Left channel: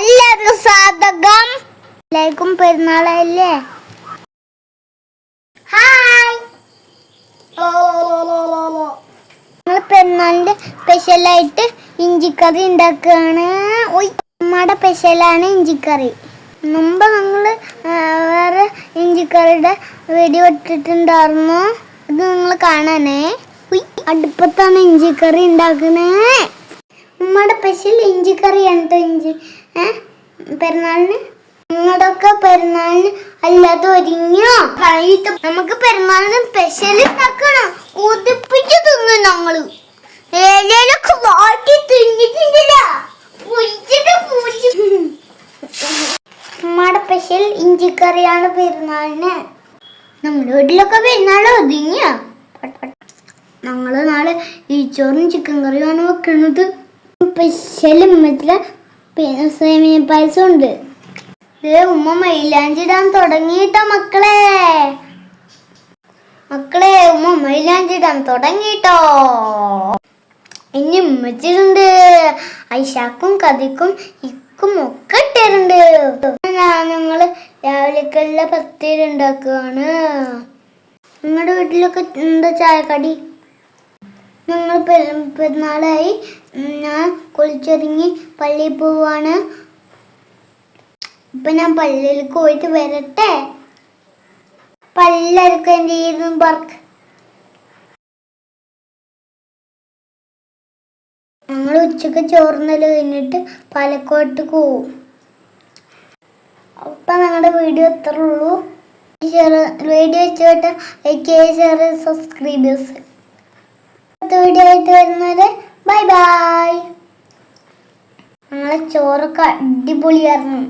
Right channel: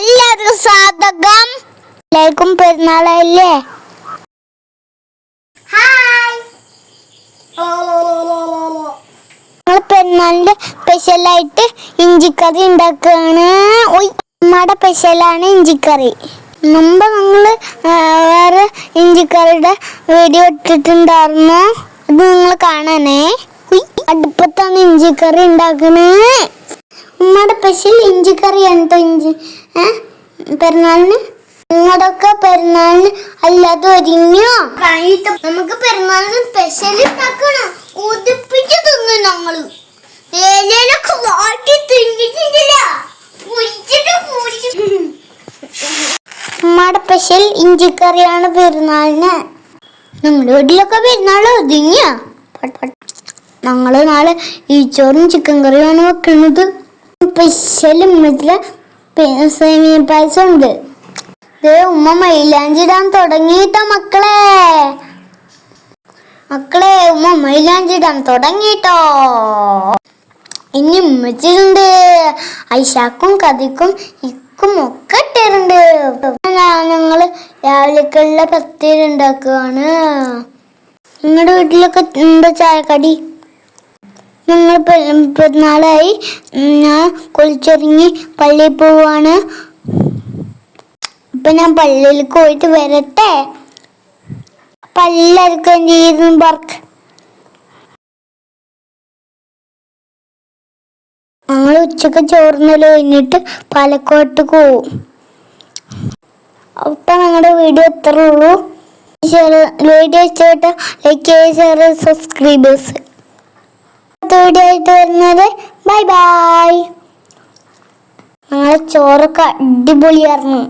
എല്ലാവർക്കും സ്വാഗതം. എല്ലാവർക്കും പെരുന്നാളല്ലേ? ഹായ് ഞങ്ങൾ സ്പെഷ്യലായിട്ട് ഇഞ്ചിക്കറി ഉണ്ടാക്കുകയാണ് നമ്മുടെ സ്പെഷ്യലാണ് ഇഞ്ചിക്കറി. മുമ്പ് നിങ്ങൾ വേറെ ഇഞ്ചിക്കറിയുടെ വീഡിയോ ഇട്ടിട്ടുണ്ടായിരുന്നു. അത് നിങ്ങൾ കാണാനേ അടുപ്പത്താണ് ഇഞ്ചിക്കറി ഉണ്ടാക്കുന്നത് ഉമ്മയുടെ സ്പെഷ്യൽ ഇഞ്ചിക്കറി എന്തോ ഇഞ്ചി. ഏ? പെരുന്നാളിന്? നിങ്ങളുടെയൊക്കെ പെരുന്നാളിന് അല്ലാതെ ഒരുങ്ങിയോ? കഴിഞ്ഞിട്ട് നമുക്ക് പെരുന്നാളിന് സ്പെഷ്യൽ ഉണ്ടാക്കണം. ഉതിപ്പിച്ച് തിന്നു ഞങ്ങൾ. ഉമ്മയുടെ സ്പെഷ്യൽ ഇഞ്ചിക്കറിയാണ് പെരുന്നാളിന്. നിങ്ങളുടെ വീട്ടിലൊക്കെ പെരുന്നാൾ ഒതുങ്ങിയ ഞങ്ങൾ നാളെ ഈച്ചോറും ചിക്കൻ കറിയാണ് വെക്കുന്നത്. സ്പെഷ്യൽ ഉമ്മത്തിൽ സേമിയ പായസം ഉണ്ട് ദേ ഉമ്മ മൈലാഞ്ചിടാൻ തുടങ്ങിയിട്ട മക്കളെ. മക്കളെ ഉമ്മ മൈലാഞ്ചിടാൻ തുടങ്ങിയിട്ടോ. ഇനി ഉമ്മച്ചിട്ടുണ്ട്. ഐഷാക്കും കഥക്കും ഇക്കും ഒക്കെ ഇട്ടിട്ടുണ്ട്. ഞങ്ങൾ രാവിലേക്കുള്ള പത്തിരി ഉണ്ടാക്കുകയാണ്. നിങ്ങളുടെ വീട്ടിലൊക്കെ എന്താ ചായക്കടി? ഞങ്ങൾ പെരു- പെരുന്നാളായി ഞാൻ കുളിച്ചൊരുങ്ങി പള്ളിയിൽ പോവാണ്. ഇപ്പൊ ഞാൻ പള്ളിയിൽ പോയിട്ട് വരട്ടെ? പല്ലെടുക്കാൻ ചെയ്തു വർക്ക്? ഞങ്ങൾ ഉച്ചയ്ക്ക് ചോർന്നൽ കഴിഞ്ഞിട്ട് പാലക്കോട്ട് പോവും. അപ്പൊ ഞങ്ങളുടെ വീഡിയോ എത്ര ഉള്ളൂ. വീഡിയോ ഇഷ്ടപ്പെട്ട ലൈക്ക് ചെയ്യുക സബ്സ്ക്രൈബേഴ്സ് വീഡിയോ ആയിട്ട് വരുന്നത്. ബൈ ബൈ ഞങ്ങളെ ചോറൊക്കെ അടിപൊളിയായിരുന്നു.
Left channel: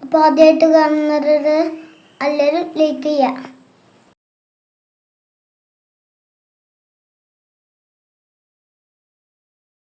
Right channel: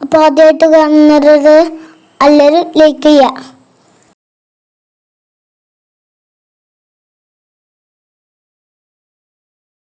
അപ്പോൾ ആദ്യമായിട്ട് കാണുന്നത് എല്ലാവരും ലൈക്ക് ചെയ്യുക.